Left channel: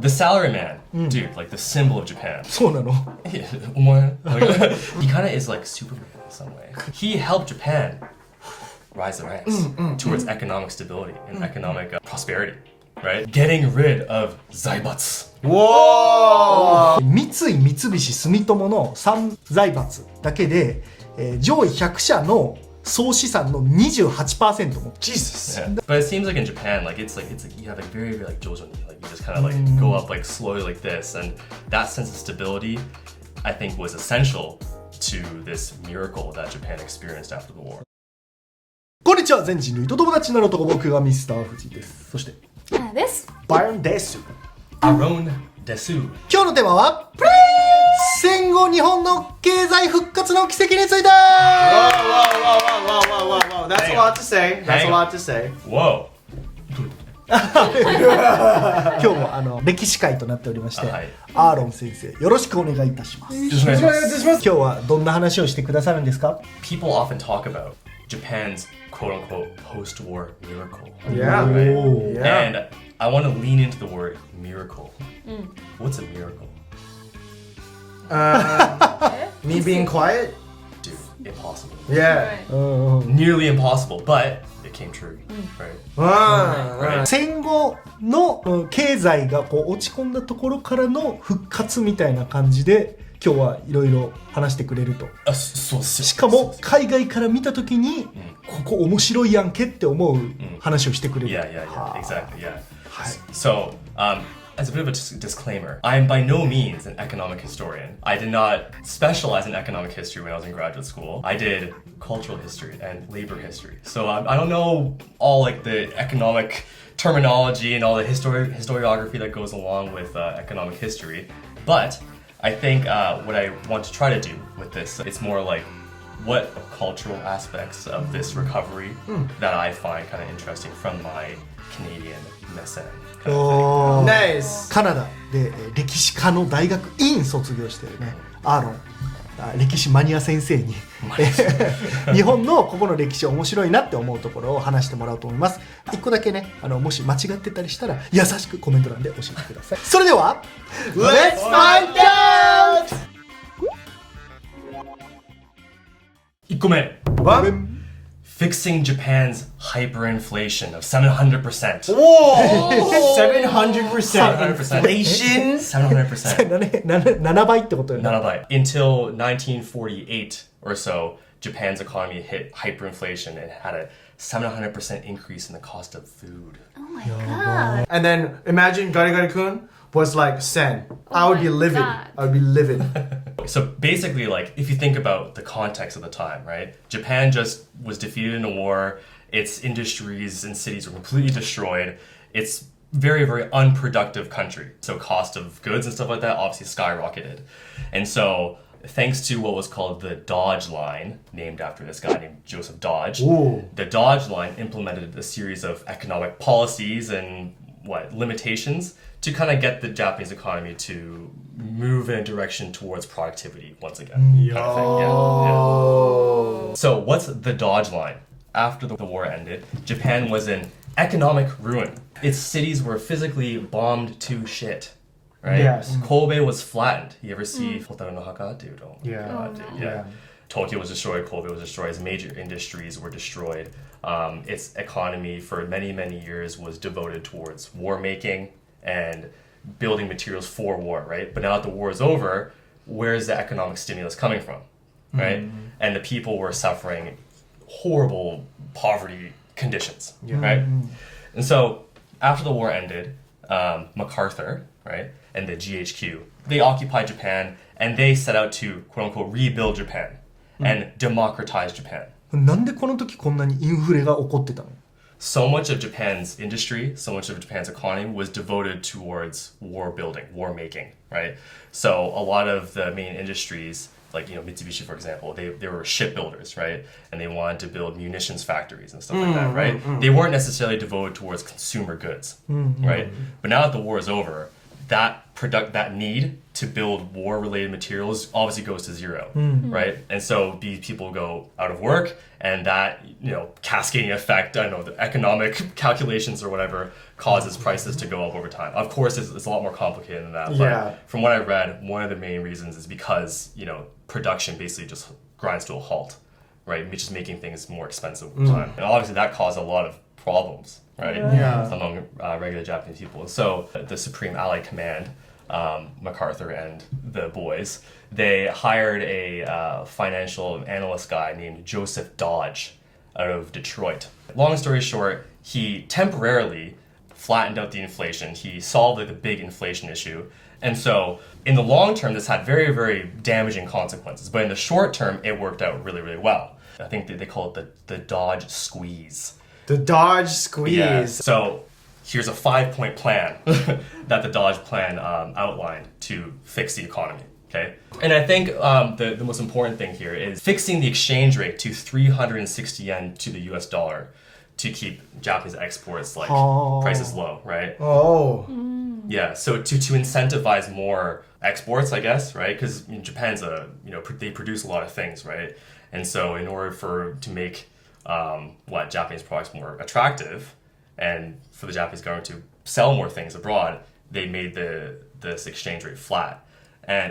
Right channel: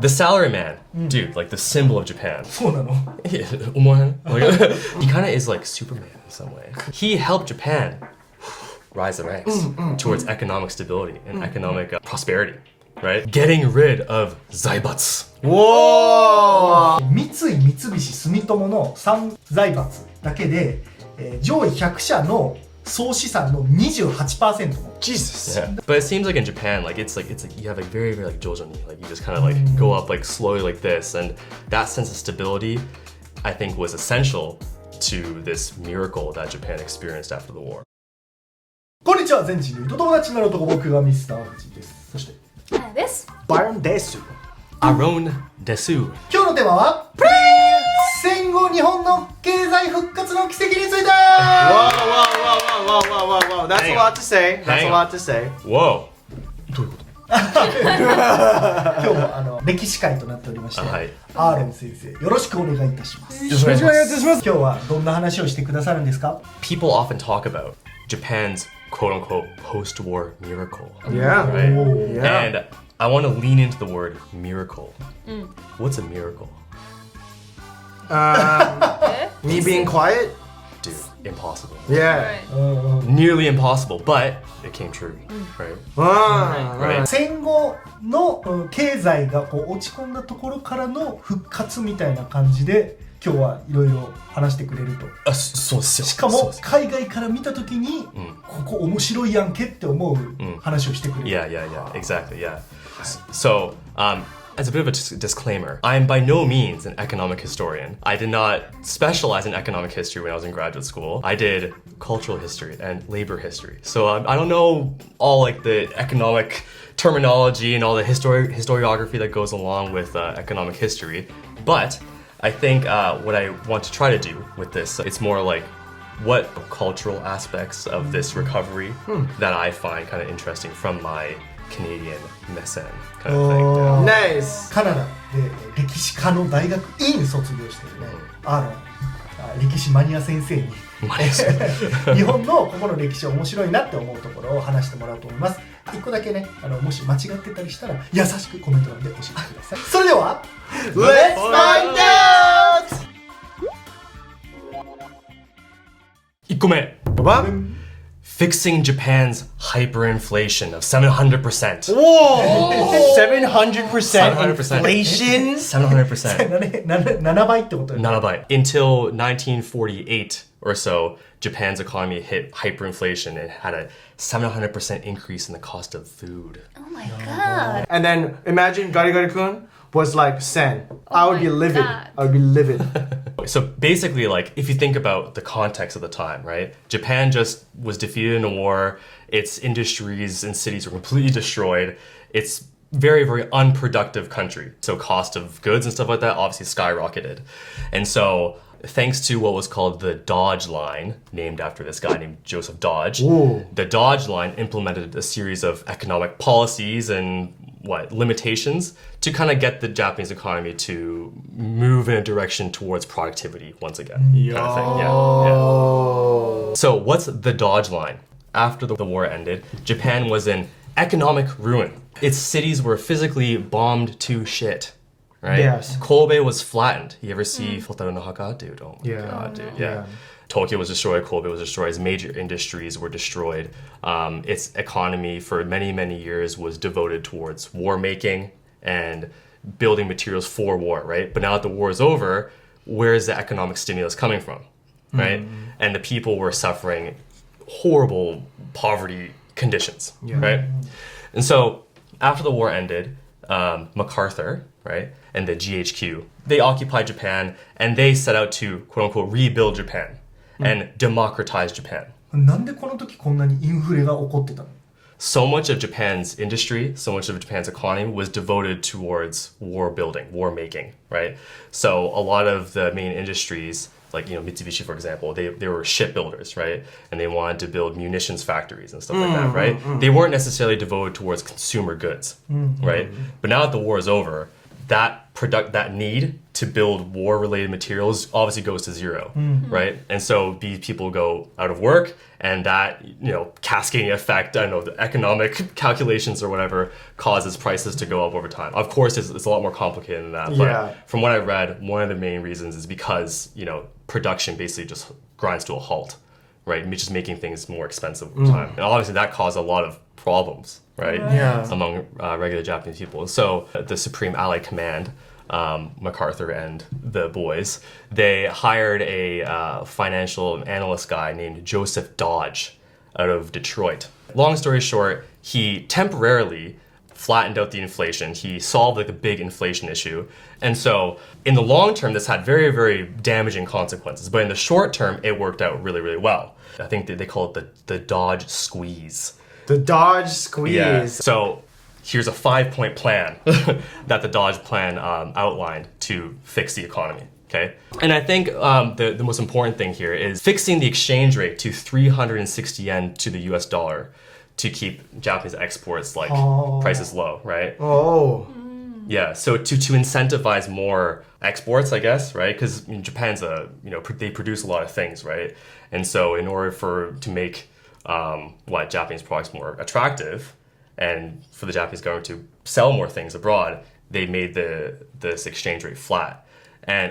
The salaryman, dude, like the symbol of Japan. そうなの He kind of is like Superman in some way. He helped Japan rise the ranks towards economic stability and economic prosperity, right? Getting rid of zaibatsu. 三井三菱住友の3財閥だけで、上位100社の総資産の 28% も Jesus. Yeah. But it seems like in Japan, like it's like you have like very like jojo, like you just kind of like go up like slowly like this, and that sense of stability, I think, was essential to this miracle that Japan experienced after the war. こんにちは、全人類と友達になる男、僕がミスターフジです。そして花です。バヨンです。 Aron desu. 今日のテーマは戦後日本の経済復活の奇跡について。 Whoa. That's a lot to say. That's a lot to say. Whoa. 今日も歴史会となっておりまして、はい、アーロン先生よろしくお願いいたします。よろしくお願いいたします。今日はどんな話をしてくださるんですか？ People often talk about Japan's quote-unquote post-war miracle. Yeah. Right? Ooh, yeah. And I want to lean into the word miracle. What's a miracle? Me being quiet? Dude, impossible. Yeah. Nearly impossible, but it came true. Right? 戦後の経済がこう落ち込んだところからの復活みたいな感じで今日はいろいろ話してくれると。しかも海外から見たときにここ面白いやんけって思う話をしてくれる。Yeah, exactly, yeah. So, as a bit of a disclaimer, I am by no means an economic historian. I did not specialize in economic history when I was in graduate school. I did cultural history and labor history. So I don't know all like the economic terminology and all the historiography that goes along with economic history. But I think what I want to try to do with this, it's more like what cultural aspects of this recovery that I find kind of interesting from my Canadian mesen kind of thing. Nice. カナダで歴史科の大学院卒業してるねアーロン歴史マニア先生に日本のここの歴史面白いなって思うところを話してもらおうと思います。一個だけねもし間違ってたりしたら優しくコメント欄で教えてください。それでは Let's find out! 1個目 What? Fixing Japan's hyperinflation of 700%. Whoa! 700% inflation? 700%. 7倍ってことよね。 7倍. Until 1948 or so, Japan's economy hit hyperinflation and had a 700% increase in the cost of food. Oh my god. And then imagine Gari-Gari-kun was like sen. I would be livid. God. I would be livid. So basically, like, if you think about the context of the time, right? Japan just was defeated in a war. Its industries and cities were completely destroyed. It's very, very unproductive country. So cost of goods and stuff like that obviously skyrocketed. And so thanks to what was called the Dodge Line, named after this guy named Joseph Dodge, the Dodge Line implemented a series of economic policies and limitations to kind of get the Japanese economy to move in a direction towards productivity once again. Kind of thing. Yeah. So what's the Dodge Line? After the war ended, Japan was in economic ruin. Its cities were physically bombed to shit. Right? Yes. Kobe was flattened. You ever see Futaro no Haka? Dude, oh my god, dude. Yeah. Tokyo was destroyed, Kobe was destroyed, its major industries were destroyed. Its economy for many, many years was devoted towards war making and building materials for war, right? But now that the war is over, where is the economic stimulus coming from, right? And the people were suffering horrible poverty conditions, right? And so after the war ended, MacArthur, right, and the GHQ, they occupied Japan and they set out to, quote unquote, rebuild Japan and democratize Japan. なんでこの時こんなにインフレが起こってたの？ So much of Japan's industry, so much of Japan's economy was devoted towards war building, war making, right? So a lot of the main industries, like, Mitsubishi, for example, they were shipbuilders, right? And they wanted to build munitions factories and stuff like that, right? They weren't necessarily devoted towards consumer goods, right? But now that the war is over, that need to build war-related materials obviously goes to zero, right? And so these people go out of work, and that, cascading effect, I don't know, the economic calculations or whatever causes prices to go up over time. Of course, it's a lot more complicated than that. But from what I read, one of the main reasons is because, production basically just grinds to a halt, right? Just making things more expensive over time. And obviously that caused a lot of problems, right? Among regular Japanese people. And so the Supreme Allied Command, MacArthur and the boys, they hired a financial analyst guy named Joseph Dodge out of Detroit. Long story short, he temporarily flattened out the inflation. He solved the big inflation issue. And so in the long term, this had very, very damaging consequences. But in the short term, it worked out really, really well. I think they call it the Dodge squeeze. The Dodge squeeze. Yeah. So here's a 5-point plan that the Dodge plan outlined to fix the economy. Okay. And I think the most important thing here is fixing the exchange rate to 360 yen to the US dollar to keep Japanese exports prices low, right? Yeah, so to incentivize more exports, I guess, right? Because Japan's they produce a lot of things, right? And so in order to make Japanese products more attractive, and for the Japanese government to sell more things abroad, they made this exchange rate flat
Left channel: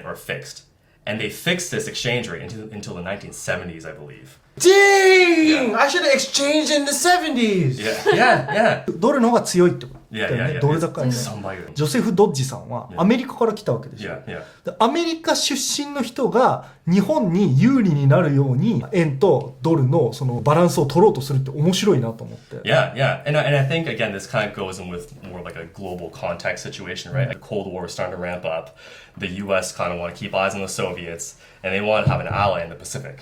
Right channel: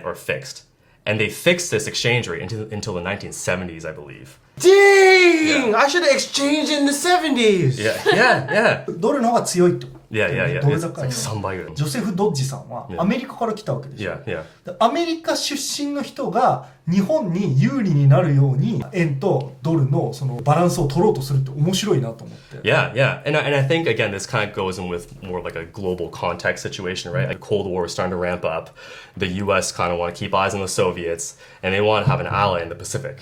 or fixed. And they fixed this exchange rate until the 1970s, I believe. Dang! I should have exchanged in the 70s. Yeah. ドルの方が強いってこと。Yeah. ドル高い。3倍ぐらい。ジョセフ・ドッジさんはアメリカから来たわけでしょ。でアメリカ出身の人が日本に有利になるように円とドルのそのバランスを取ろうとするって面白いなと思って。Yeah. And I think, again, this kind of goes in with more like a global context situation, right? Like Cold War is starting to ramp up. The U.S. kind of want to keep eyes on the Soviets, and they want to have an ally in the Pacific,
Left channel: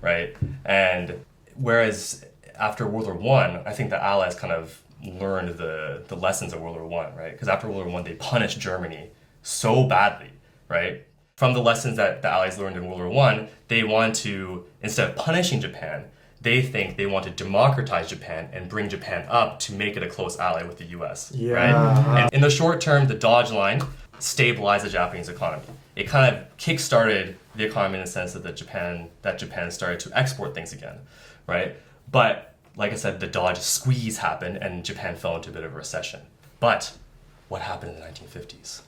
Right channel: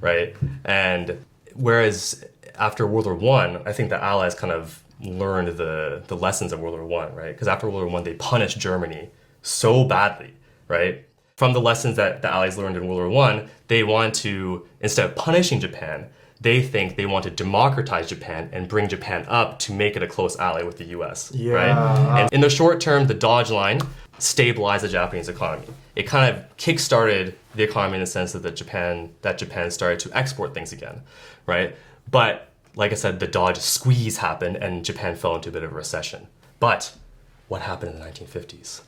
right? And whereas after World War I, I think the Allies kind of learned the lessons of World War I, right? Because after World War I, they punished Germany so badly, right? From the lessons that the Allies learned in World War I, they want to, instead of punishing Japan, they think they want to democratize Japan and bring Japan up to make it a close ally with the US, right? And in the short term, the Dodge line stabilized the Japanese economy. It kind of kick-started the economy in the sense that Japan started to export things again, right? But like I said, the Dodge squeeze happened and Japan fell into a bit of a recession. But what happened in the 1950s?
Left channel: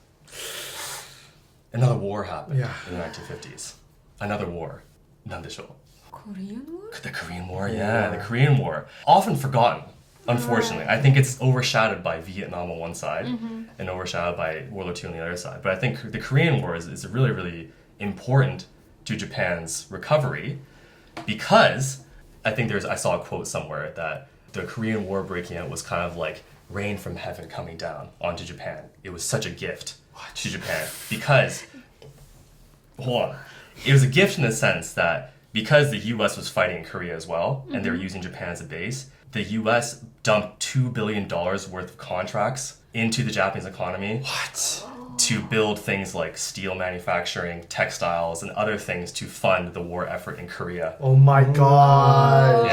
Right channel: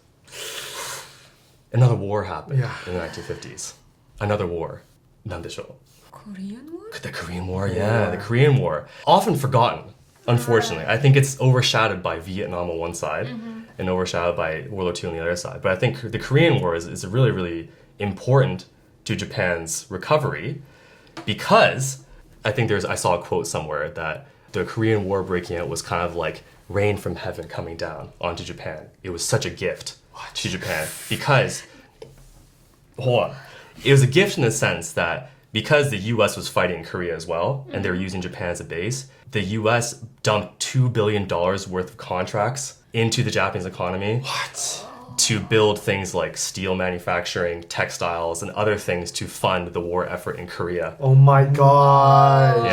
Another war happened in the 1950s. Another war. なんでしょう? Korean War? The Korean War, the Korean War. Often forgotten, unfortunately. I think it's overshadowed by Vietnam on one side and overshadowed by World War II on the other side. But I think the Korean War is really, really important to Japan's recovery because I think I saw a quote somewhere that the Korean War breaking out was kind of like rain from heaven coming down onto Japan. It was such a gift to Japan because, hold on, it was a gift in the sense that because the U.S. was fighting in Korea as well, and they were using Japan as a base, the U.S. dumped $2 billion worth of contracts into the Japanese economy. To build things like steel manufacturing, textiles, and other things to fund the war effort in Korea. Oh my god.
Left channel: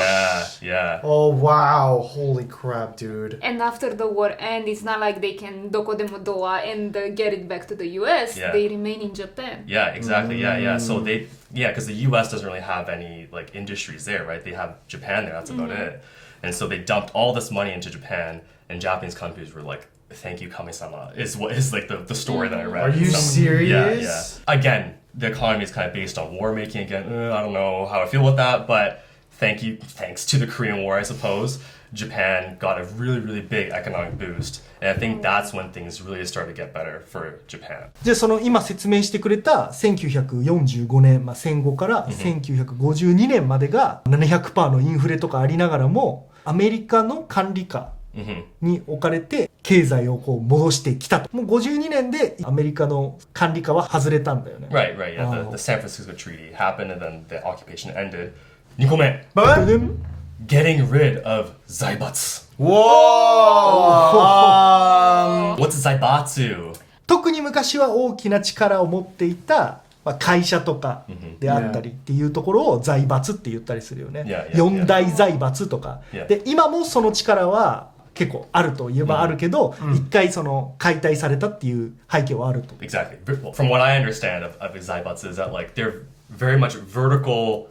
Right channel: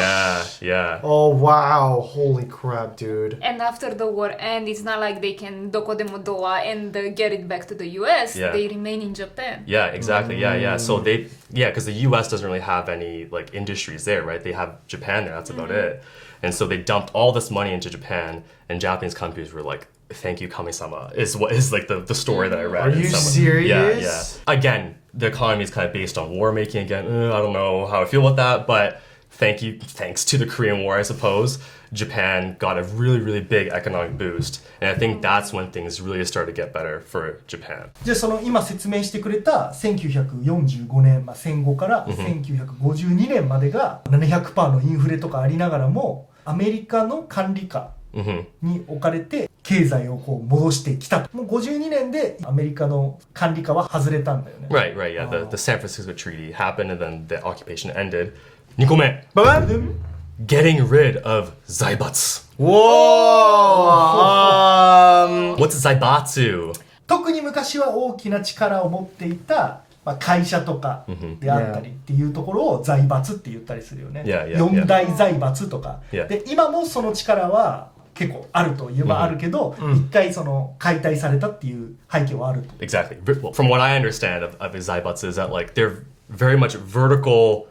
Yeah. Oh wow. Holy crap, dude. And after the war ends, it's not like they can dokodemo doa and get it back to the US. They remain in Japan. Yeah, exactly. Yeah. So because the US doesn't really have any like industries there, right? They have Japan there, that's about it. And so they dumped all this money into Japan, and Japanese companies were like, thank you, Kami-sama, is like the story that I read. Are you serious? Yeah. Again, the economy is kind of based on war making again. I don't know how I feel about that, but thanks to the Korean War, I suppose, Japan got a really, really big economic boost. And I think that's when things really started to get better for Japan. じゃあその今説明してくれた1945年、戦後から1952年までが 700% のインフレとかありながらもアメリカの管理下に置かれて経済をこう戻してきたと。もう52年でアメリカの管理下は外れたんだよね。Right, yeah. The San Francisco Treaty happened and then the occupation ended. 2個目. Getting rid of zaibatsu. Whoa! What's zaibatsu? 特に昔は大きな力を持っていた会社とかであったりっていうところを財閥って言ったりするよね。四大財閥とか。で今もその力は結構あるといえばあるけど、一回その解体されたっていう背景はあると。 Exactly. From what I understand of zaibatsu is that like they're very much vertical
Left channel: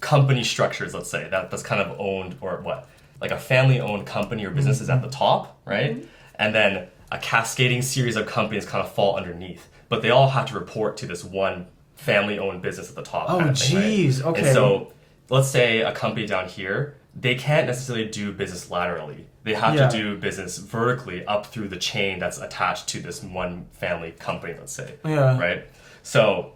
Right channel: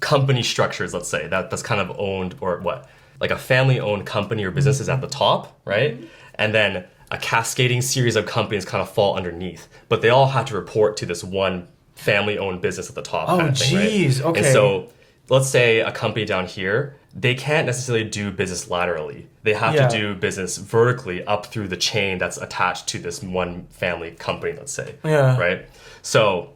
company structures, let's say, that's kind of owned or what? Like a family-owned company or business is at the top, right? And then a cascading series of companies kind of fall underneath. But they all have to report to this one family-owned business at the top kind of thing, geez, right? okay. And so let's say a company down here, they can't necessarily do business laterally. They have to do business vertically up through the chain that's attached to this one family company, let's say, right? So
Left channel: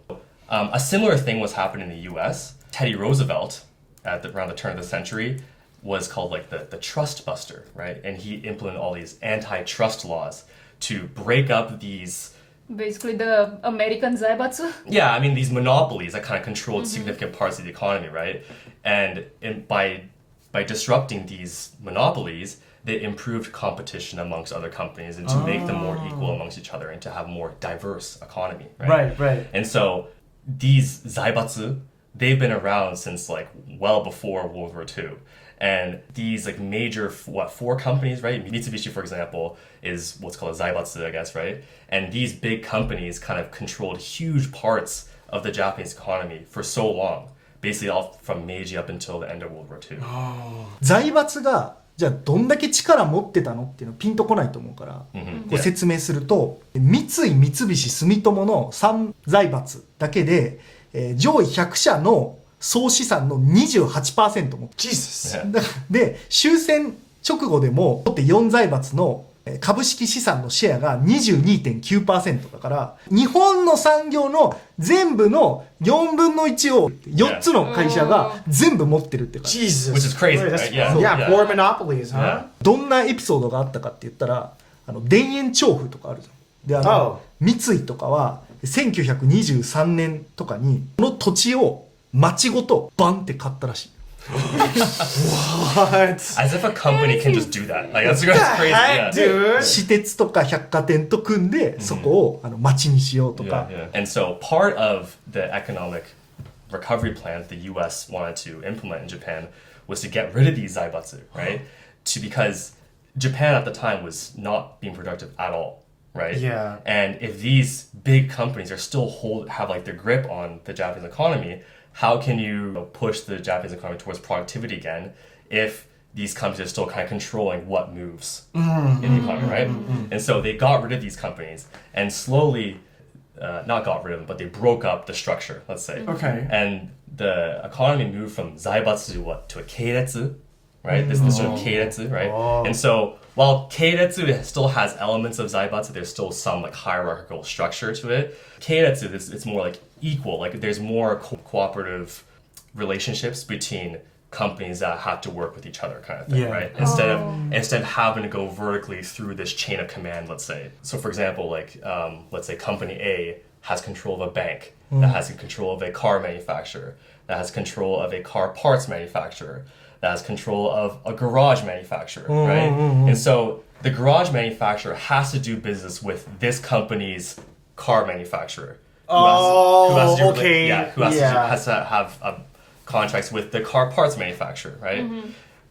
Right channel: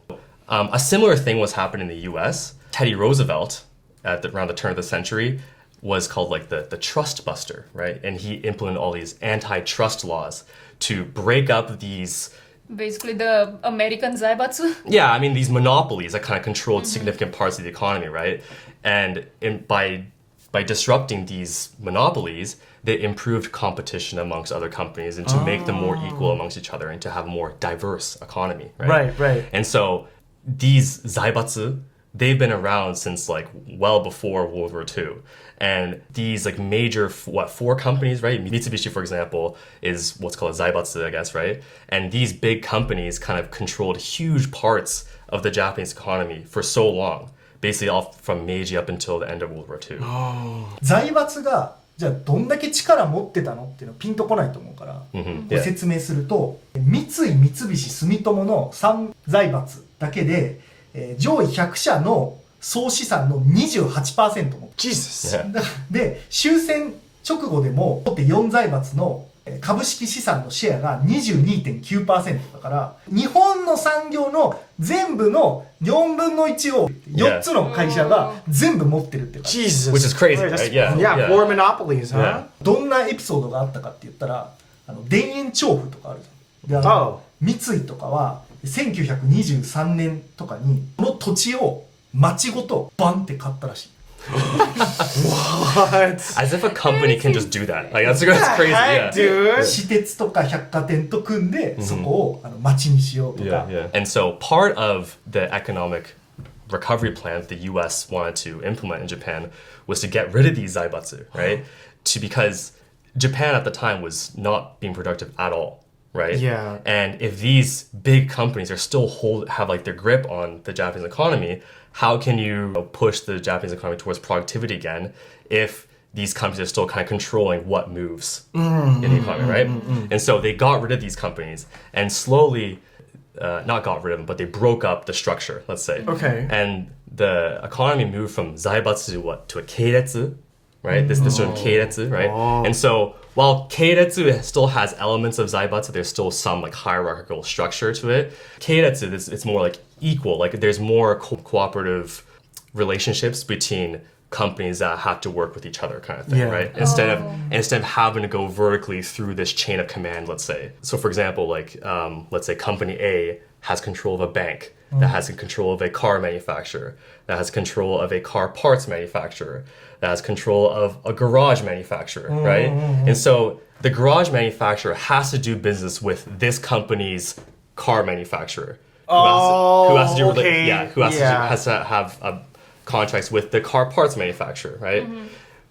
a similar thing was happening in the US. Teddy Roosevelt, around the turn of the century, was called like the trust buster, right? And he implemented all these antitrust laws to break up these... Basically the American zaibatsu. Yeah, I mean, these monopolies that kind of controlled significant parts of the economy, right? And by disrupting these monopolies, they improved competition amongst other companies and to make them more equal amongst each other and to have a more diverse economy, right? Right. And so these zaibatsu, they've been around since like well before World War II. And these like major, four companies, right? Mitsubishi, for example, is what's called a zaibatsu, I guess, right? And these big companies kind of controlled huge parts of the Japanese economy for so long, basically all from Meiji up until the end of World War II. 財閥がじゃあどんだけ力持ってたのっていうのピンとこないと思うから、ご説明すると、三井三菱住友の3財閥だけで、上位100社の総資産の 28% も Jesus. で終戦直後でも大手4財閥の株式資産のシェアが 22.9% だから日本の産業の全部の4分の1を4つの会社が全部持ってるっていうか、 Jesus. Which is crazy, right? Yeah. Four monopolies, huh? どんなエピソードがあったかって言ったら田園調布とかあるじゃん。で三井とかは1923年とかにこの土地を町ごとバンって買ったらしい。What? As if a company can just do that. Like, that's crazy. Heck, dude. 私鉄とか百貨店と組んでそこを町にしようとか。And so part of the economic recovery plan that the US wanted to implement in Japan was to get rid of these zaibatsu, right? Because Japan at the time was not being productive at all, right? Yeah. And if these big companies are still have like their grip on the Japanese economy, how can you push the Japanese economy towards productivity again if these companies are still kind of controlling what moves in the economy, right? And so they got rid of these companies and slowly, not got rid of them, but they broke up the structure, let's say. Okay. And the economy moved from zaibatsu to a keiretsu, right? This sort of keiretsu, right? And so while keiretsu still has elements of zaibatsu, there's still some like hierarchical structure to it. Keiretsu, it's more like equal, like there's more cooperative relationships between companies that have to work with each other kind of thing, right? Instead of having to go vertically through this chain of command, let's say. So for example, like let's say company A has control of a bank, that has control of a car manufacturer, that has control of a car parts manufacturer, that has control of a garage manufacturer, right? And so the garage manufacturer has to do business with this company's car manufacturer. Who has to have contracts with the car parts manufacturer, right?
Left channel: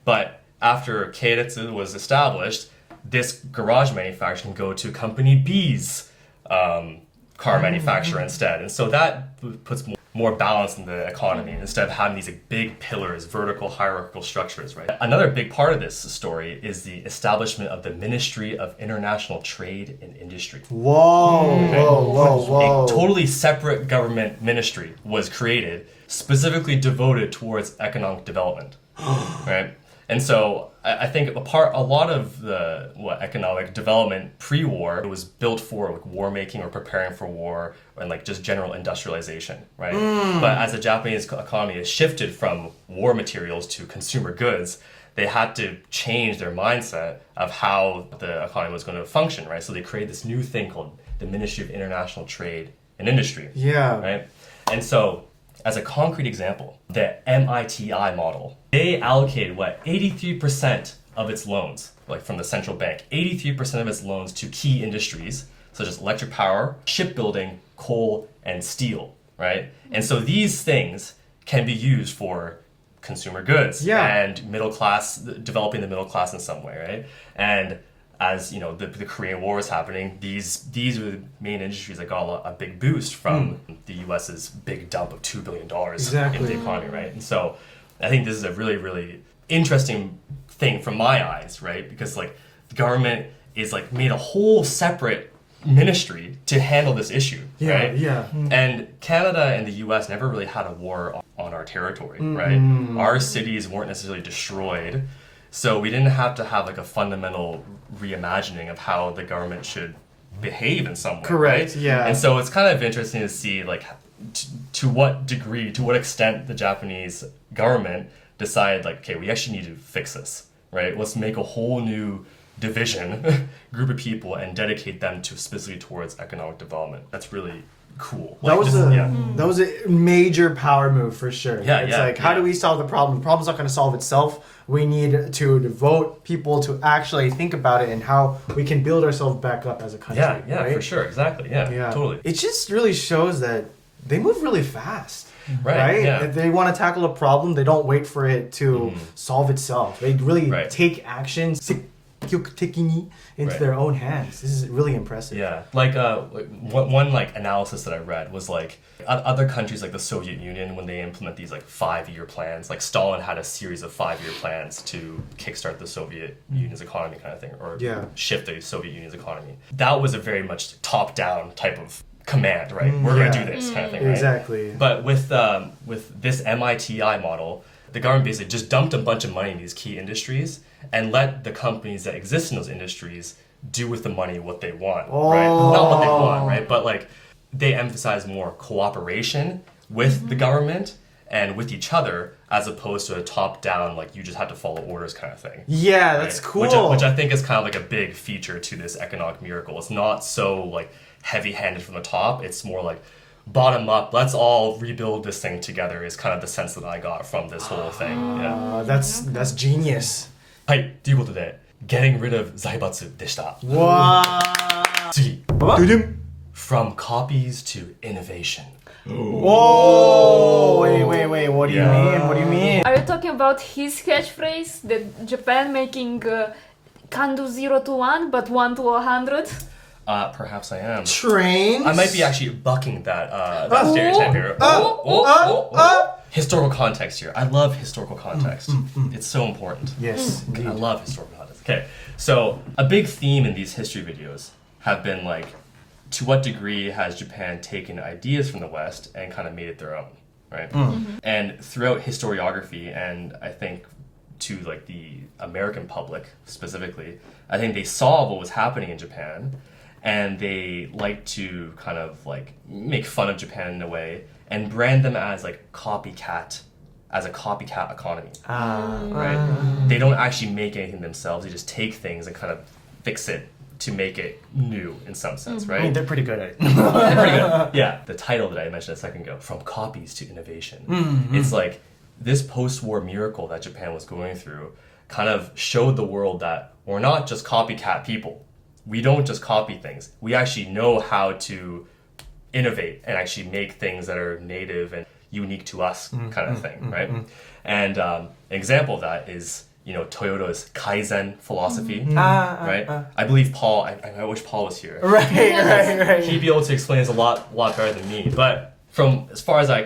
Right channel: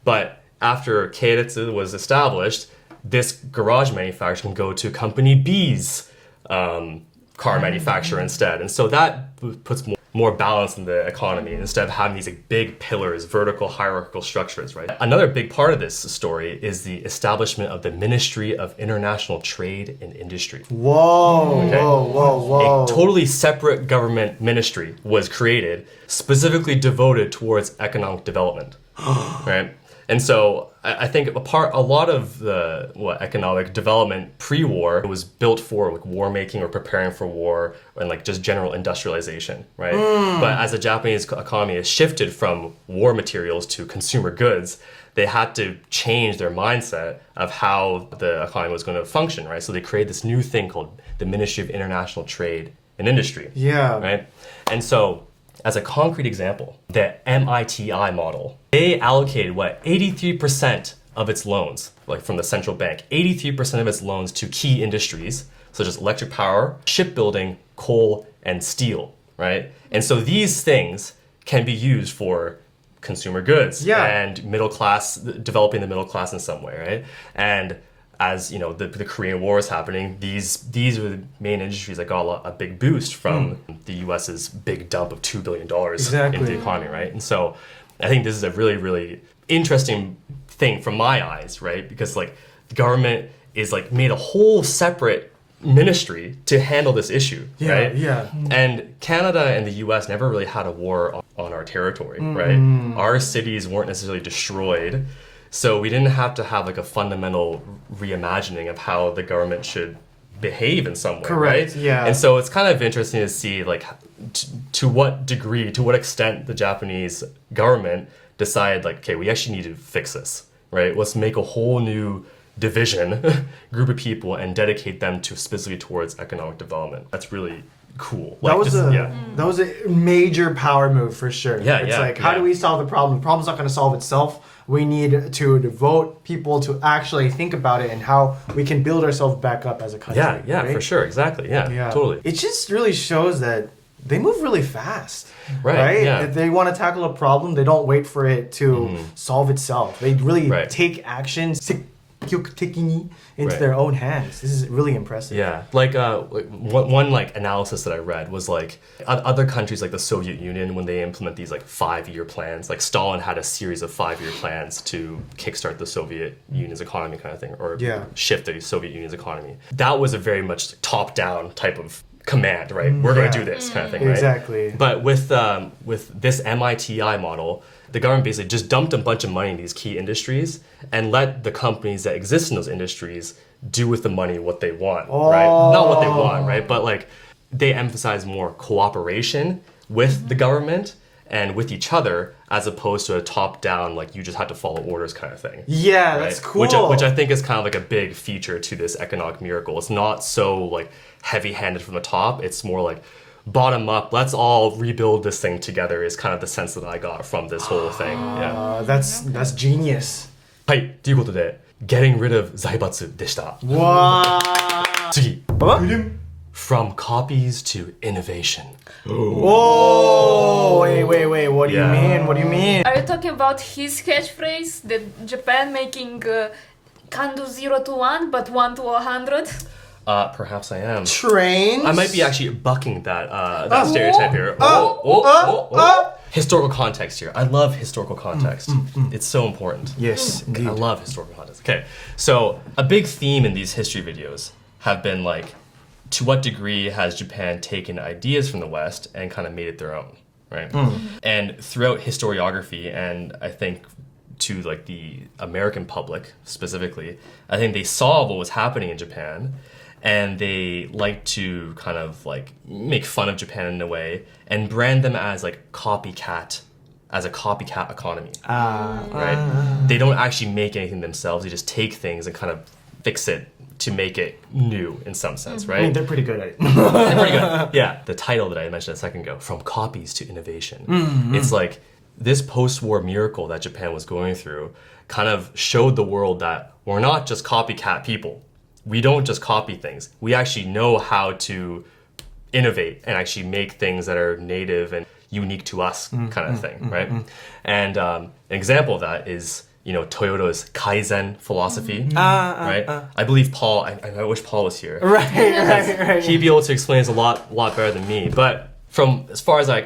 But after keiretsu was established, this garage manufacturer can go to company B's car manufacturer instead. And so that puts more balance in the economy instead of having these like, big pillars, vertical hierarchical structures, right? Another big part of this story is the establishment of the Ministry of International Trade and Industry. Whoa. A totally separate government ministry was created specifically devoted towards economic development, right? And so I think a lot of the economic development pre-war was built for like war making or preparing for war and like just general industrialization, right? But as the Japanese economy has shifted from war materials to consumer goods, they had to change their mindset of how the economy was going to function, right? So they created this new thing called the Ministry of International Trade and Industry, right? And so as a concrete example, the MITI model, they allocated 83% of its loans, like from the central bank, 83% of its loans to key industries such as electric power, shipbuilding, coal, and steel, right? And so these things can be used for consumer goods Yeah. and middle class, developing the middle class in some way, right? And as you know, the Korean War is happening, these were the main industries that got a big boost from the US's big dump of $2 billion Exactly. in the economy, right? And so I think this is a really, really interesting thing from my eyes, right? Because like the government is like made a whole separate ministry to handle this issue, right? Yeah. And Canada and the US never really had a war on our territory, right? Our cities weren't necessarily destroyed. So we didn't have to have like a fundamental reimagining of how the government should behave in some way, Correct, right? yeah. And so it's kind of interesting to see like to what degree, to what extent the Japanese government decided like, okay, we actually need to fix this, right? Let's make a whole new division, group of people, and dedicate them to specifically towards economic development. That's really cool. Like, That was that was a major power move for sure. Yeah, It's yeah, like, how yeah. do we solve the problem? The problem's not going to solve itself. We need to devote people to actually think about it and how we can build ourselves back up as a country. yeah, right? for sure, exactly, yeah, totally. It just really shows that they move really fast. Right, yeah. If they want to tackle a problem, they don't wait for it to solve itself. They really Right. take action into Right. their own hands. This is really impressive. Yeah, like one like analysis that I read was like other countries like the Soviet Union, when they implement these like 5-year plans, like Stalin had a series of 5-year plans to kickstart the Soviet Union's economy kind of thing, or Yeah. shift the Soviet Union's economy. That was a very much top-down type of command, right? We're going to do this kind of thing, right? Exactly. But with this MITI model, the government basically just dumped a bunch of money in these key industries and let the companies that exist in those industries do with the money what they want, right? Not what they want, right? But like they emphasize more cooperation with the government and with each other as opposed to a top-down, like you just have to follow orders kind of thing. Yeah, Right? that's cool. Which I think is kind of like a big feature to this economic miracle. It's not so like heavy-handed from the top. It's more like bottom up. Let's all rebuild this thing together is kind of the sense that I got from this whole thing. Yeah. That's genius. はいということで Getting rid of 財閥でした。 Wow. 次 From copies to innovation. Oh, wait. What do you Yeah. mean? What do you mean? Are you talking about his catchphrase that Japan making can do 0 to 1 but 1 to 100? Perhaps I am. Trains? I might be actually bucking that stereotype here. Historical context here. I love historical context. It's so important. Yes, I indeed. love historical context. Okay, so a big theme in these history videos have been like, to what degree has Japan taken ideas from the West and kind of made it their own, right? And throughout historiography, and I think to like the American public specifically, I think they saw what was happening in Japan, and they like to kind of like make fun of Japan in a way and brand them as like a copycat economy, right? They don't actually make anything themselves. They just take things and kind of fix it to make it new in some sense, I right? mean, they're pretty good at it. They're pretty good. Yeah. The title that I mentioned a second ago, From Copies to Innovation. It's like this post-war miracle that Japan was going through kind of showed the world that we're not just copycat people. We don't just copy things. We actually know how to innovate and actually make things that are native and unique to us kind of thing, right? And an example of that is, you know, Toyota's Kaizen philosophy, right? I believe Paul, I wish Paul was here. Right. He'd be able to explain this a lot better than me. But from as far as I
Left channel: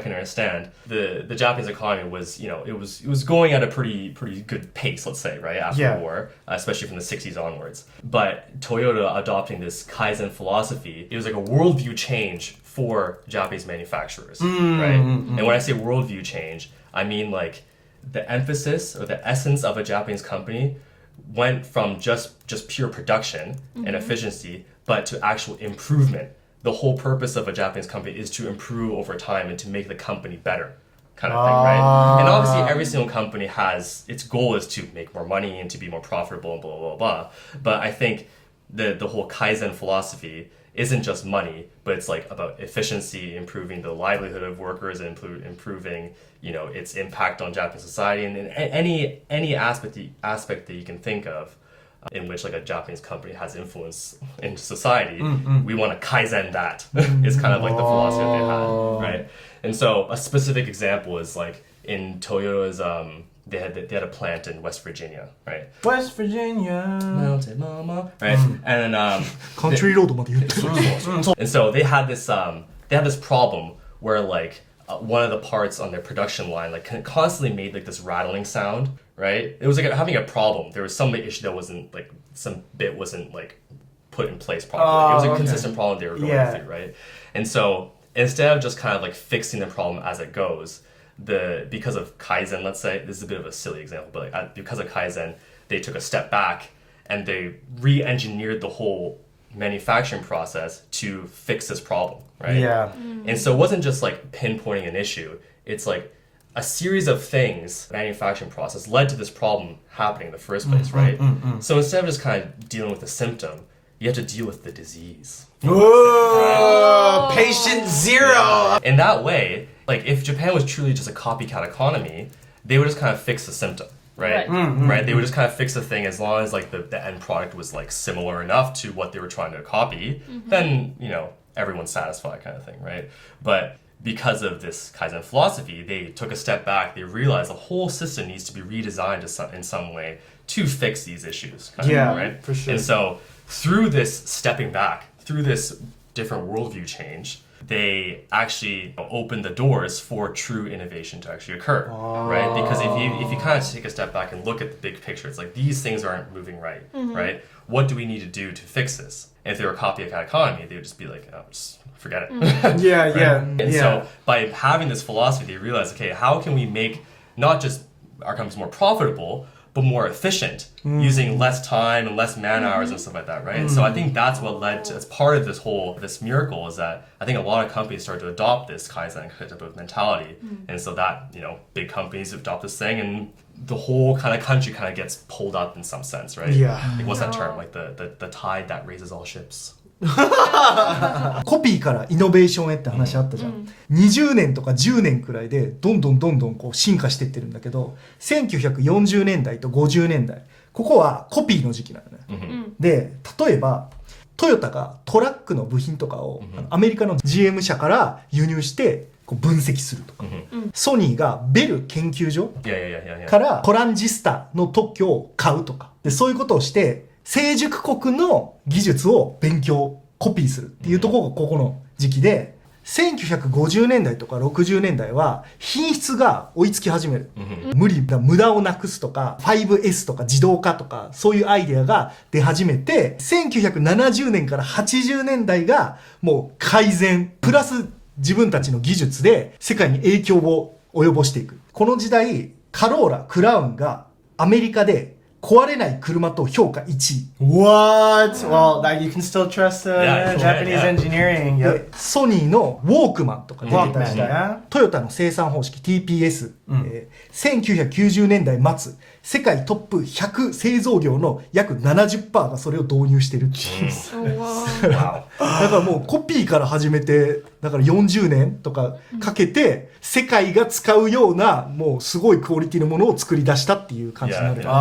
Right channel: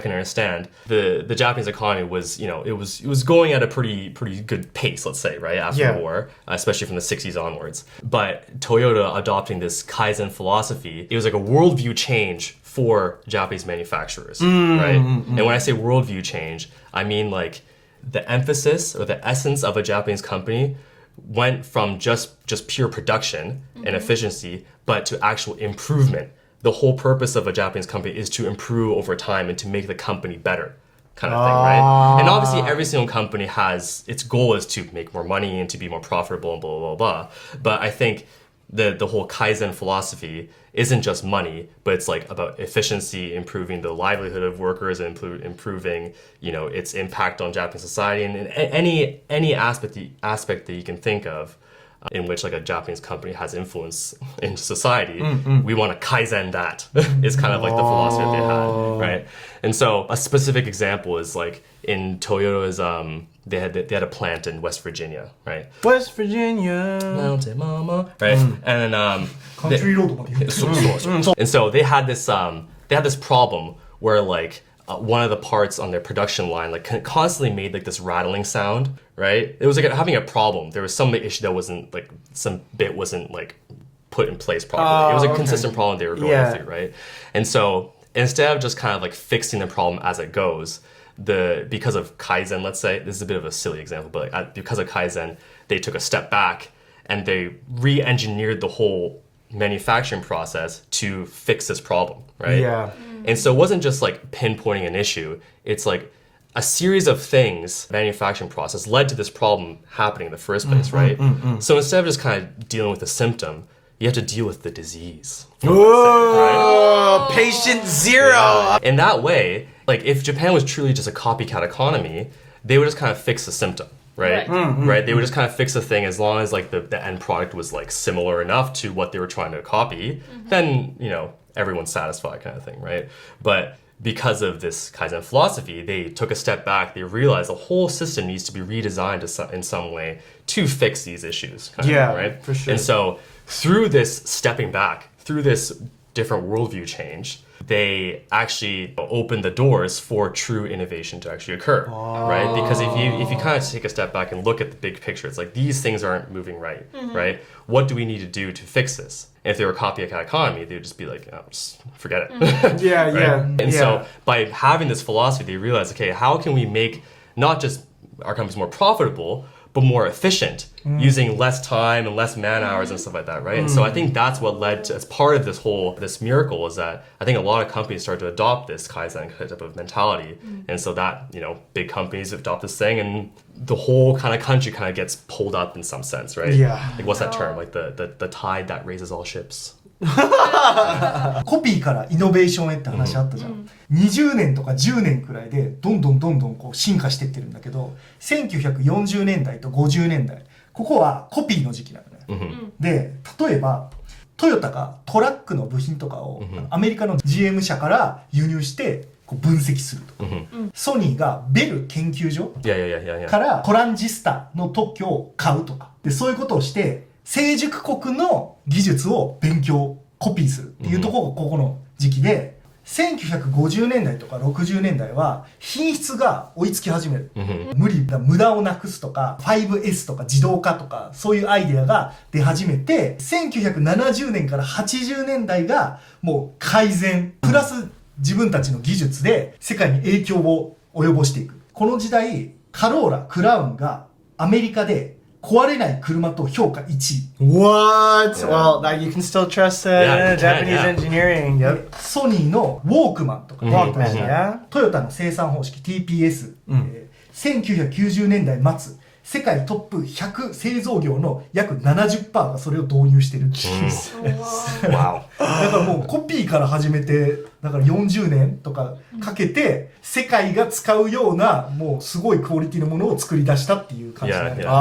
can understand, the Japanese economy was, you know, it was going at a pretty good pace, let's say, right, after the war, especially from the 60s onwards. But Toyota adopting this Kaizen philosophy, it was like a worldview change for Japanese manufacturers, right? And when I say worldview change, I mean like the emphasis or the essence of a Japanese company went from just pure production and efficiency, but to actual improvement. The whole purpose of a Japanese company is to improve over time and to make the company better, kind of thing, right? And obviously every single company has, its goal is to make more money and to be more profitable and blah, blah, blah. But I think the whole Kaizen philosophy isn't just money, but it's like about efficiency, improving the livelihood of workers, and improving, you know, its impact on Japanese society, and any aspect that you can think of in which like a Japanese company has influence in society, we want to Kaizen that is kind of like the philosophy that they had, right? And so a specific example is like in Toyota's, they had a plant in West Virginia, right? West Virginia. Mountain Mama, right? And then Country road まで言ってる and so they had this problem where like one of the parts on their production line like constantly made like this rattling sound, right? It was like having a problem. There was some issue that wasn't like some bit wasn't like put in place properly. It was a consistent problem they were going through, right? And so instead of just kind of like fixing the problem as it goes, because of Kaizen, let's say, this is a bit of a silly example, but like, because of Kaizen, they took a step back and they re-engineered the whole manufacturing process to fix this problem, right? Yeah. And so it wasn't just like pinpointing an issue. It's like a series of things, manufacturing process led to this problem happening in the first place, right? So instead of just kind of dealing with the symptom, you have to deal with the disease. Ooh, patient zero. In that way, like if Japan was truly just a copycat economy, they would just kind of fix the symptom, right? Right? They would just kind of fix the thing as long as like the end product was like similar enough to what they were trying to copy, then, you know, everyone's satisfied kind of thing, right? But because of this Kaizen philosophy, they took a step back. They realized the whole system needs to be redesigned in some way to fix these issues. Right? For sure. And so through this stepping back, through this different worldview change, they actually open the doors for true innovation to actually occur, right? Because if you kind of take a step back and look at the big picture, it's like these things aren't moving right, right? What do we need to do to fix this? And if they were a copycat economy, they would just be like, oh, just forget it. Yeah. And so by having this philosophy, they realize, okay, how can we make not just our companies more profitable, but more efficient, using less time and less man hours and stuff like that, right? And so I think that's what led to, as part of this miracle, is that I think a lot of companies started to adopt this Kaizen type of mentality. And so that, you know, big companies adopt this thing and the whole kind of country kind of gets pulled up in some sense, right? Yeah. Like what's that term? Like the tide that raises all ships. コピーからイノベーションへって話あったじゃん、20年とか10年くらいでどんどんこう進化していってるんだけど、1940年代と50年代ここはコピーの時期なのね、で例えばトヨタがトラックの部品とかをアメリカの GM 社から輸入してこう分析するとか、ソニーがベル研究所からトランジスタの特許を買うとかで、そういうことをして成熟国の技術を勉強コピーするっていうところがここの時期で、1950年代とか60年代は品質が追いつき始める、無駄をなくすとか 5S とか自動化とかそういうアイデアが出始めて、1970年から80年代がもう改善プラス自分たちの技術で世界に影響を及ぼしていく。この時代カローラクラウンがアメリカで壊れない車と評価1位。 What? Well, that you can still trust Japanese engineering. でソニーのウォークマンとか出てた時代、トヨタの生産方式 TPS、1990年代末世界トップ100製造業の約 70% がそれを導入してるっていう、だからもうコピーから始めてだから40年とかかけて世界が使うようなもうすごいクオリティのものを作り出したっていう感じなんだよね。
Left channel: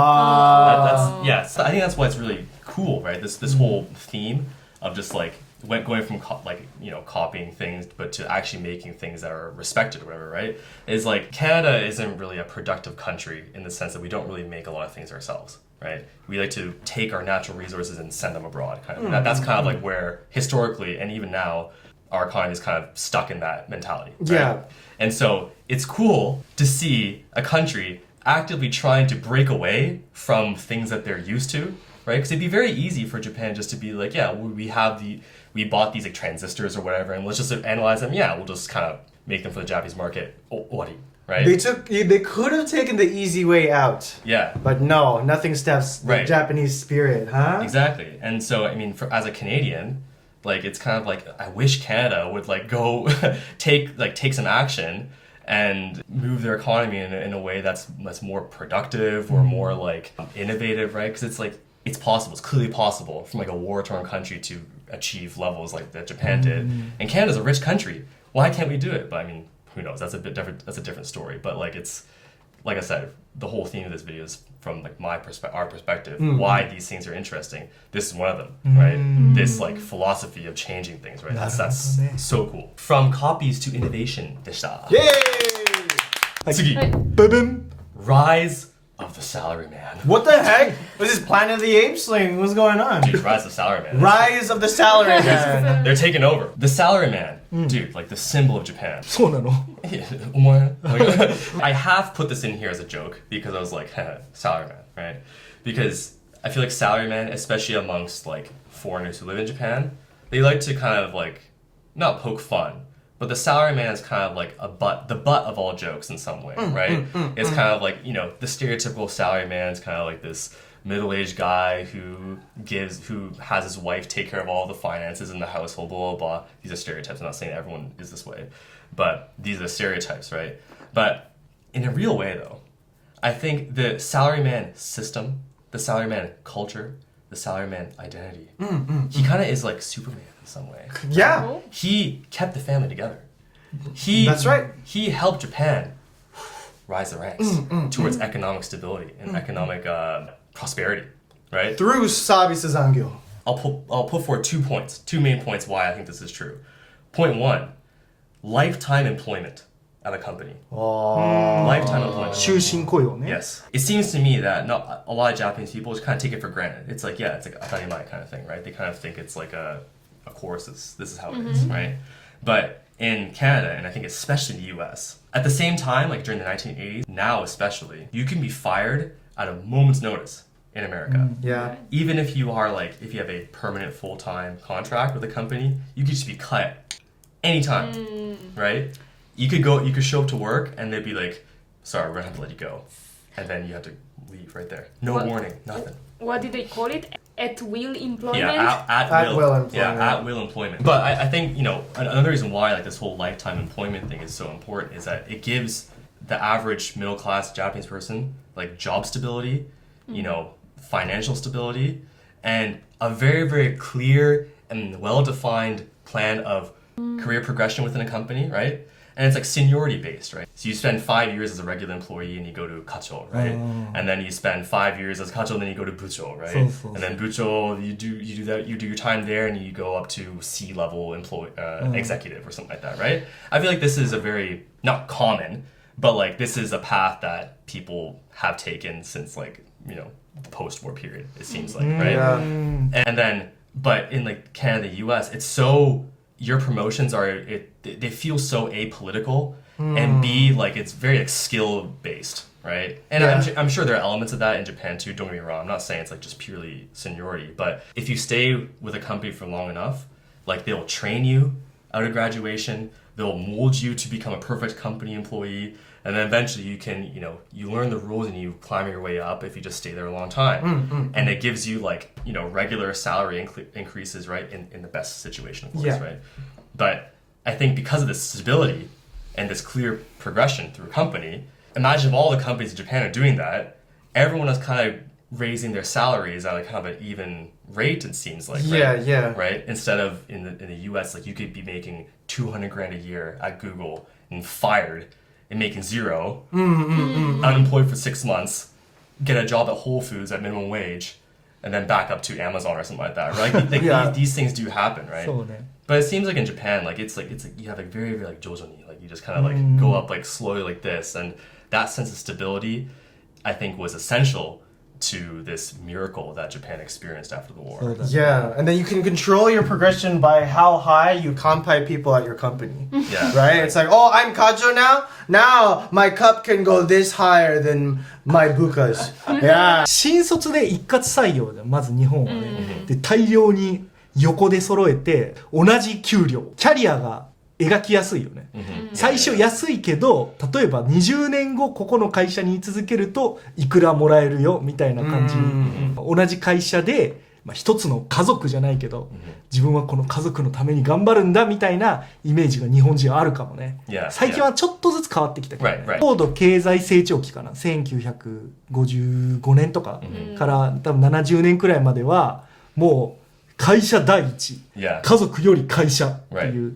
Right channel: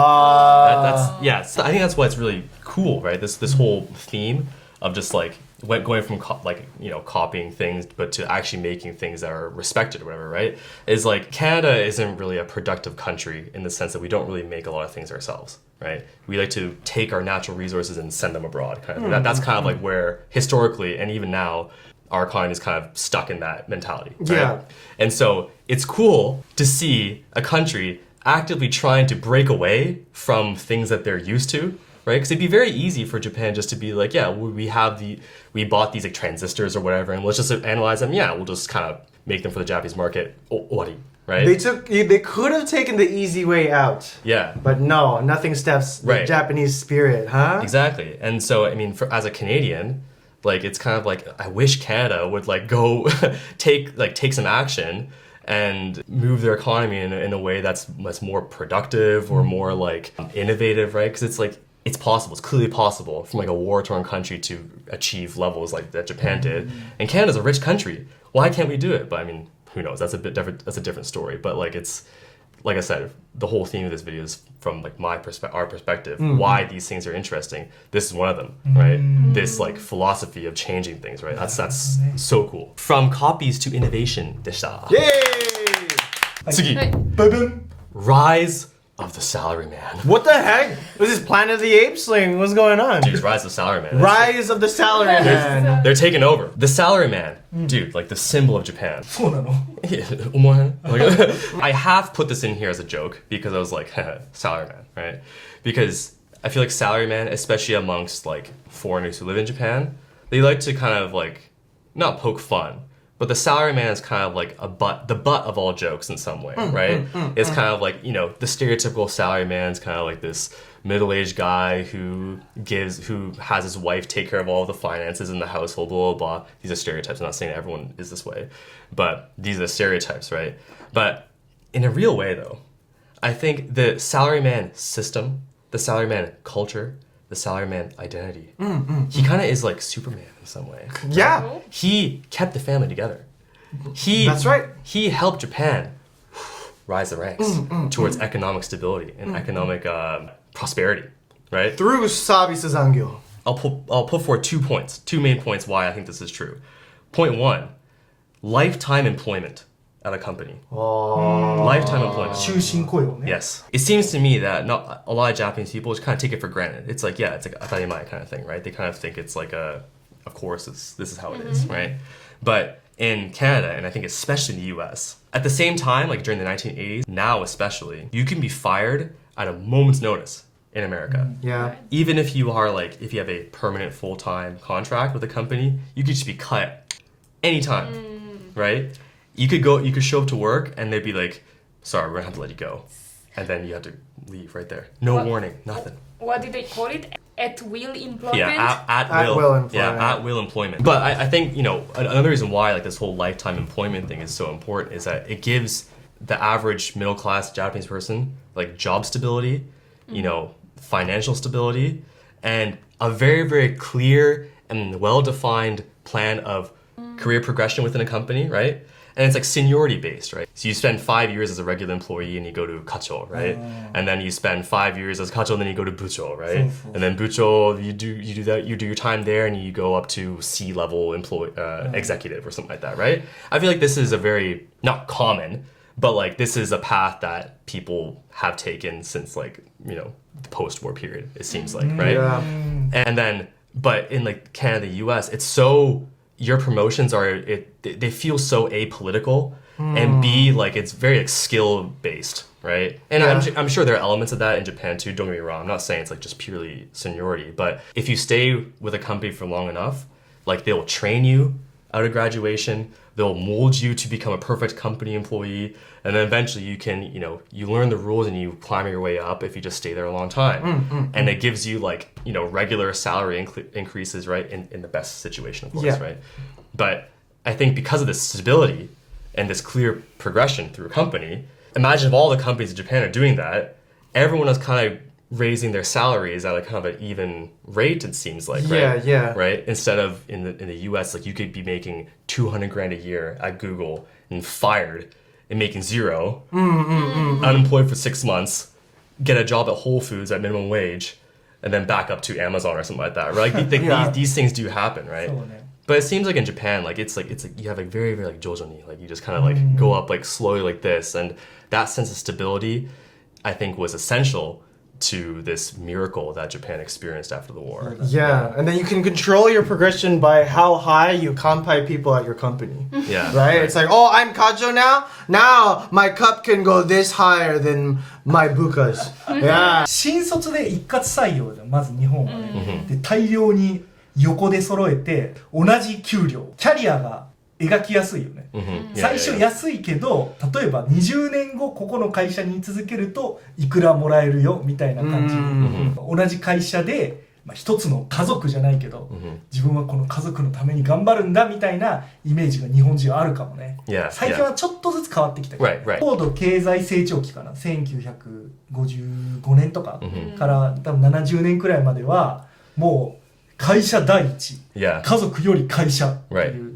So I think that's why it's really cool, right? This whole theme of just like going from copying things but to actually making things that are respected or whatever, right? Is like Canada isn't really a productive country in the sense that we don't really make a lot of things ourselves, right? We like to take our natural resources and send them abroad kind of. That's kind of like where historically and even now our economy is kind of stuck in that mentality, right? Yeah. And so it's cool to see a country actively trying to break away from things that they're used to, right? Because it'd be very easy for Japan just to be like, yeah, we bought these like transistors or whatever, and let's just analyze them. Yeah, we'll just kind of make them for the Japanese market. Ori, right? They could have taken the easy way out. Yeah. But no, nothing steps the Japanese spirit, huh? Exactly. And so, I mean, as a Canadian, like it's kind of like I wish Canada would like go take some action and move their economy in a way that's more productive or more like innovative, right? Because it's like it's possible. It's clearly possible from like a war-torn country to achieve levels like that Japan did. And Canada's a rich country. Why can't we do it? But I mean, who knows? That's a bit different. That's a different story. But like it's like I said, the whole theme of this video is from like our perspective, why these things are interesting. This is one of them, right? This like philosophy of changing things, right? That's so cool. From copies to innovation でした。Yay! 次、ブブン Rise of the Salaryman. What the heck? This is Planet of the Apes thing. What's going on? Dude, Rise of the Salaryman. Rise of the Salaryman. They're taking over. The Salaryman, dude, like the symbol of Japan. そうなの I have put this in here as a joke because I was like, salaryman, right? Because I feel like salaryman, especially amongst like foreigners who live in Japan, they like to kind of like not poke fun, but the salaryman is kind of like the butt of all jokes in some way, right? It's kind of like, you know, the stereotypical salaryman is kind of like this middle-aged guy who has his wife take care of all the finances in the household, blah, blah, blah. These are stereotypes. I'm not saying everyone is this way, but these are stereotypes, right? But in a real way, though, I think the salaryman system, the salaryman culture, the salaryman identity, he kind of is like Superman in some way. Yeah. He kept the family together. That's right. He helped Japan rise the ranks towards economic stability and economic prosperity, right? Through Sabi Sazangyo. I'll put forward 2 points, 2 main points why I think this is true. Point 1, lifetime employment at a company. Lifetime employment. 終身雇用ね Yes. It seems to me that not a lot of Japanese people just kind of take it for granted. It's like, yeah, it's like atarimae kind of thing, right? They kind of think it's like of course, this is how it is, right? But in Canada, and I think especially in the US, at the same time, like during the 1980s, now especially, you can be fired at a moment's notice in America. Yeah. Even if you are like, if you have a permanent full-time contract with a company, you could just be cut anytime, right? You could show up to work and they'd be like, sorry, we're gonna have to let you go. And then you have to leave right there. No warning, nothing. What did they call it? At will employment? Yeah, at will. Will employment. Yeah, at will employment. But I think, you know, another reason why like this whole lifetime employment thing is so important is that it gives the average middle class Japanese person like job stability, you know, financial stability, and a very, very clear and well-defined plan of career progression within a company, right? And it's like seniority based, right? So you spend 5 years as a regular employee and you go to kacho, right? And then you spend 5 years as kacho and then you go to bucho, right? And then bucho, you do your time there and you go up to C-level executive or something like that, right? I feel like this is a very, not common, but like this is a path that people have taken since like, you know, the post-war period, it seems like, right? Yeah. And then, but in like Canada, US, it's so, your promotions they feel so apolitical, and B, like it's very like skill based, right? And I'm sure there are elements of that in Japan too, don't get me wrong. I'm not saying it's like just purely seniority, but if you stay with a company for long enough, like they'll train you out of graduation, they'll mold you to become a perfect company employee, and then eventually you can, you know, you learn the rules and you climb your way up if you just stay there a long time. And it gives you like, you know, regular salary increases, right? In the best situation, of course, right? But I think because of this stability and this clear progression through a company, imagine if all the companies in Japan are doing that, everyone is kind of raising their salaries at a kind of an even rate, it seems like, right? Right? Instead of in the US, like you could be making 200 grand a year at Google and fired and making zero, unemployed for 6 months, get a job at Whole Foods at minimum wage, and then back up to Amazon or something like that, right? Like, these things do happen, right? But it seems like in Japan, like it's like you have like very, very like jojoni, like you just kind of like go up like slowly like this, and that sense of stability, I think, was essential to this miracle that Japan experienced after the war. Yeah, and then you can control your progression by how high you kanpai people at your company. Yeah. Right? It's like, oh, I'm kajo now? Now my cup can go this higher than my bukas. Yeah. 新卒で一括採用でまず日本はね、で大量に横で揃えて同じ給料、キャリアが描きやすいよね、最初安いけど例えば20年後ここの会社に居続けるといくらもらえるよみたいな感じ、同じ会社で、一つの家族じゃないけど、自分はこの家族のために頑張るんだみたいなイメージが日本人はあるかもね、最近はちょっとずつ変わってきたけど、高度経済成長期かな、1955年とかから多分70年くらいまではもう会社第一、家族より会社っていう、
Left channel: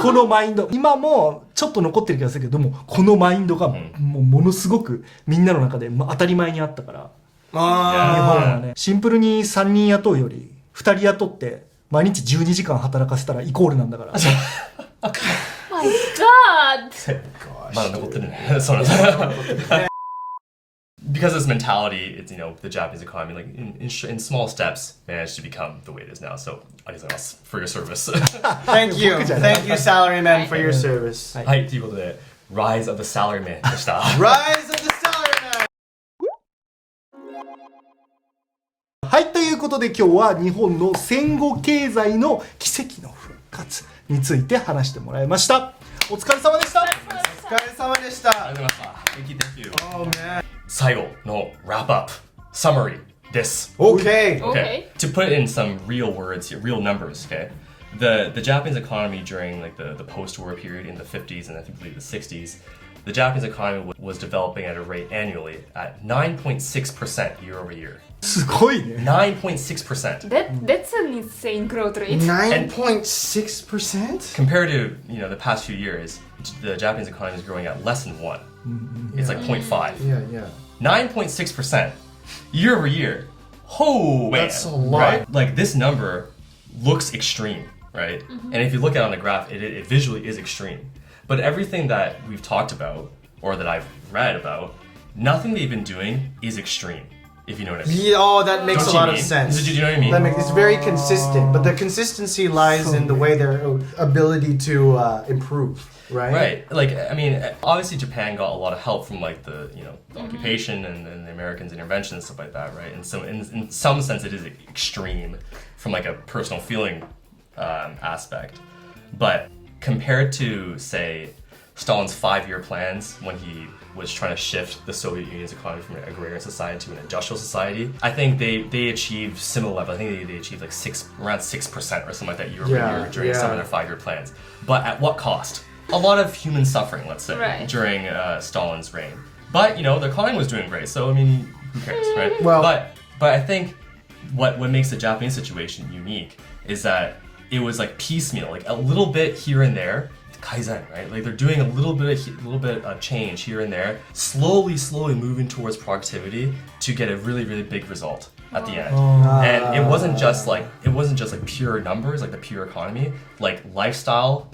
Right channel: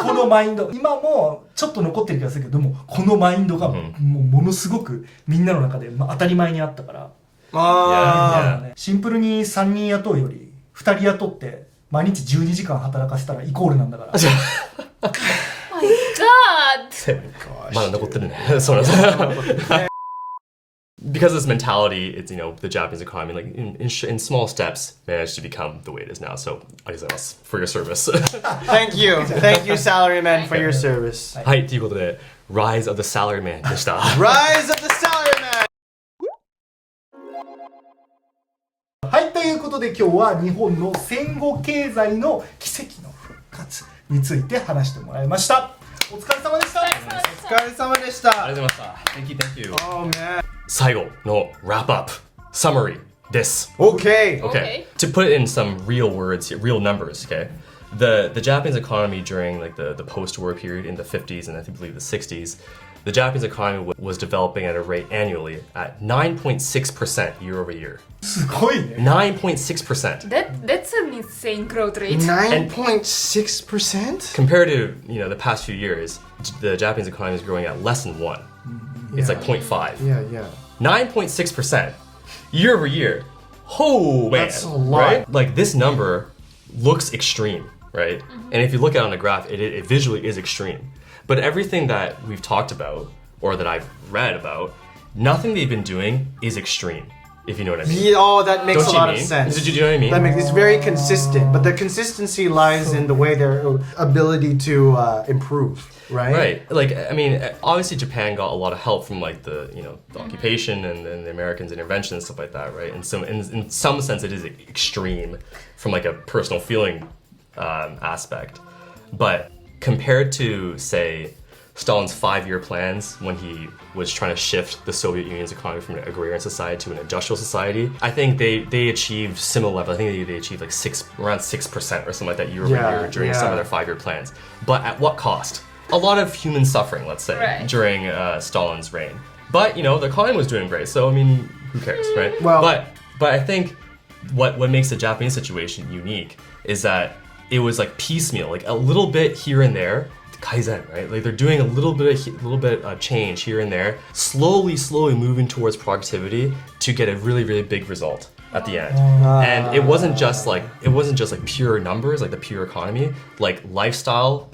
このマインド今もちょっと残ってる気がするけども、このマインドがもうものすごくみんなの中で当たり前にあったから、日本はね、シンプルに3人雇うより2人雇って毎日12時間働かせたらイコールなんだから。My God! まだ残ってるね。そうなんです。Because of this mentality, it's, the Japanese economy, like in small steps, managed to become the way it is now. So, ありがとうございます for your service. Thank you, salaryman, for your service. はい、ということで、Rise of the Salaryman でした。Rise of the salaryman. はい、ということで今日は日本の戦後経済の奇跡の復活について話してもらいました。お疲れ様でした。お疲れ様でした。ありがとうございました。Thank you, thank you. Oh man. 最後の wrap up summary です。Okay. Okay. To put it in some real words here, real numbers, okay? The Japanese economy during like the post-war period in the 50s and I believe the 60s, the Japanese economy was developing at a rate annually at 9.6% year over year. すごいね。9.6%. That's an insane growth rate. 9.6%? Compared to, the past few years, the Japanese economy is growing at less than 1. It's like 0.5. Yeah. 9.6% year over year. Oh man. That's a lot. Right? Like this number looks extreme, right? And if you look at it on the graph, it visually is extreme. But everything that we've talked about or that I've read about, nothing they've been doing is extreme. If you know what I mean. Yeah, oh, that makes Don't a you lot mean? of sense. Did you know what I mean? It's very consistent, but the consistency lies in the way their ability to improve, right? Right. Like, I mean, obviously Japan got a lot of help from like the occupation and the Americans' intervention and stuff like that, right? And so in some sense it is extreme from like a personal feeling aspect. But compared to, say, Stalin's 5-year plans when he was trying to shift the Soviet Union's economy from an agrarian society to an industrial society, I think they achieved similar level. I think they achieved like around 6% or something like that year over year during some of their 5-year plans. But at what cost? A lot of human suffering, let's say, during Stalin's reign. But the economy was doing great, so I mean, who cares, right? Well, but I think what makes the Japanese situation unique is that it was like piecemeal, like a little bit here and there. Kaizen, right? Like they're doing a little bit of change here and there, slowly moving towards productivity to get a really, really big result at the end. And it wasn't just like pure numbers, like the pure economy, like lifestyles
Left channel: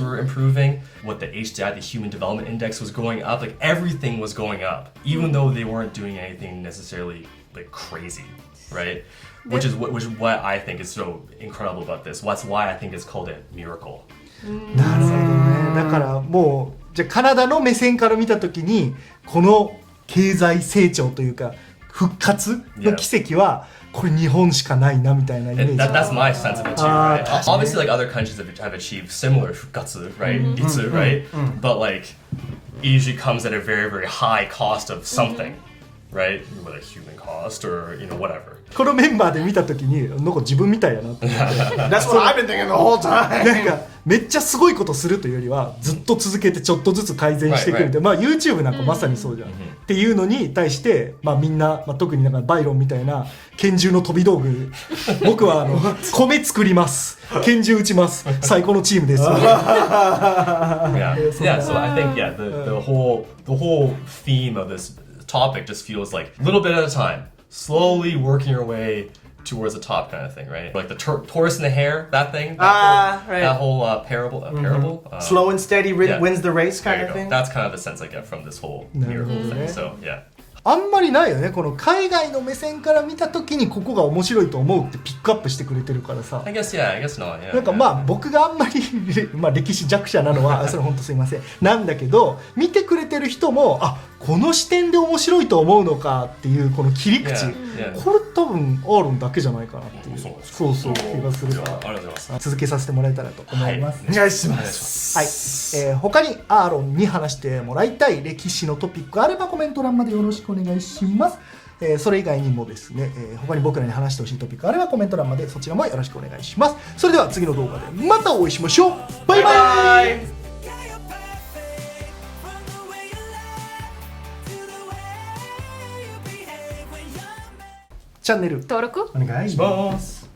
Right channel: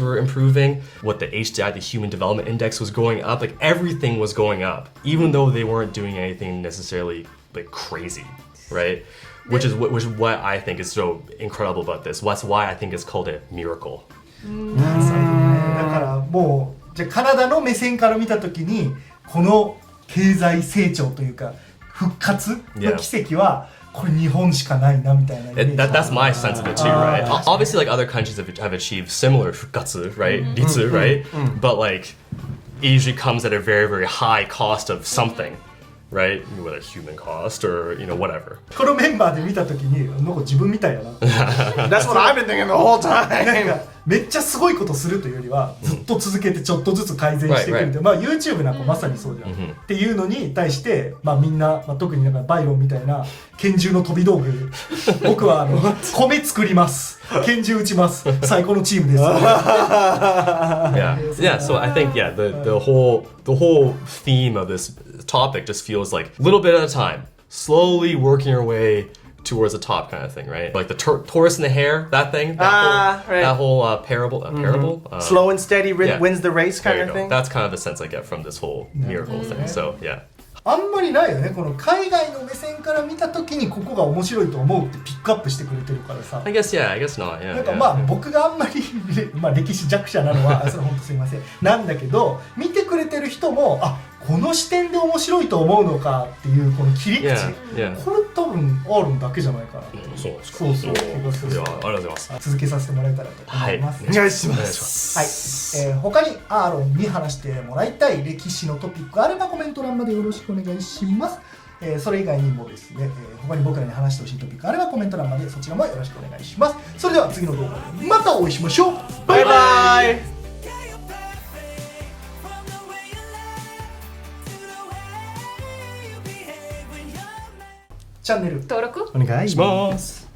were improving. What the HDI, the Human Development Index, was going up. Like everything was going up, even though they weren't doing anything necessarily like crazy, right? Which is what I think is so incredible about this. That's why I think it's called a miracle. なるほどね。だからもうじゃあカナダの目線から見たときにこの経済成長というか復活の奇跡はこれ日本しかないなみたいなイメージ。That's my sense of it too, right? Obviously, like other countries have achieved similar 復活, right? Ritsu, right? But like it usually comes at a very, very high cost of something. Right? Whether human cost or, whatever. このメンバーで見たときになんか自分みたいやなって。That's what I've been thinking the whole time. なんかめっちゃすごいことするというよりはずっと続けてちょっとずつ改善してくれて、まあ YouTube なんかまさにそうじゃん。っていうのに対してまあみんな、特になんかバイロンみたいな拳銃の飛び道具に僕は米作ります。拳銃撃ちます。最高のチームです。Yeah. So I think the whole theme of this topic just feels like a little bit at a time, slowly working your way towards the top kind of thing, right? Like the tortoise and the hare, that thing, that whole parable. Slow and steady wins the race kind of thing. That's kind of the sense I get from this whole miracle thing. So yeah. あんまりないよね。この海外の目線から見たときにここが面白いと思うってピックアップしてくれてるからさ。I guess not. Yeah. なんかまあ僕があんまり歴史弱者なのはそれ本当すいませんなんだけど見てくれてる人もこの視点で面白いと思うのかっていうこの切り口、これ多分アーロンだけじゃないかなって。そう気がする。ありがとうございます。続けさせてもらえたらと思います。お願いします。はい。他にアーロンに話してもらいたい歴史のトピックがあればコメント欄までよろしくお願いします。それ以外にもですね、他に僕らに話してほしいトピックがあればコメント欄までそちらもよろしくお願いします。それでは次の動画でまたお会いしましょう。バイバイ。チャンネル登録お願いします。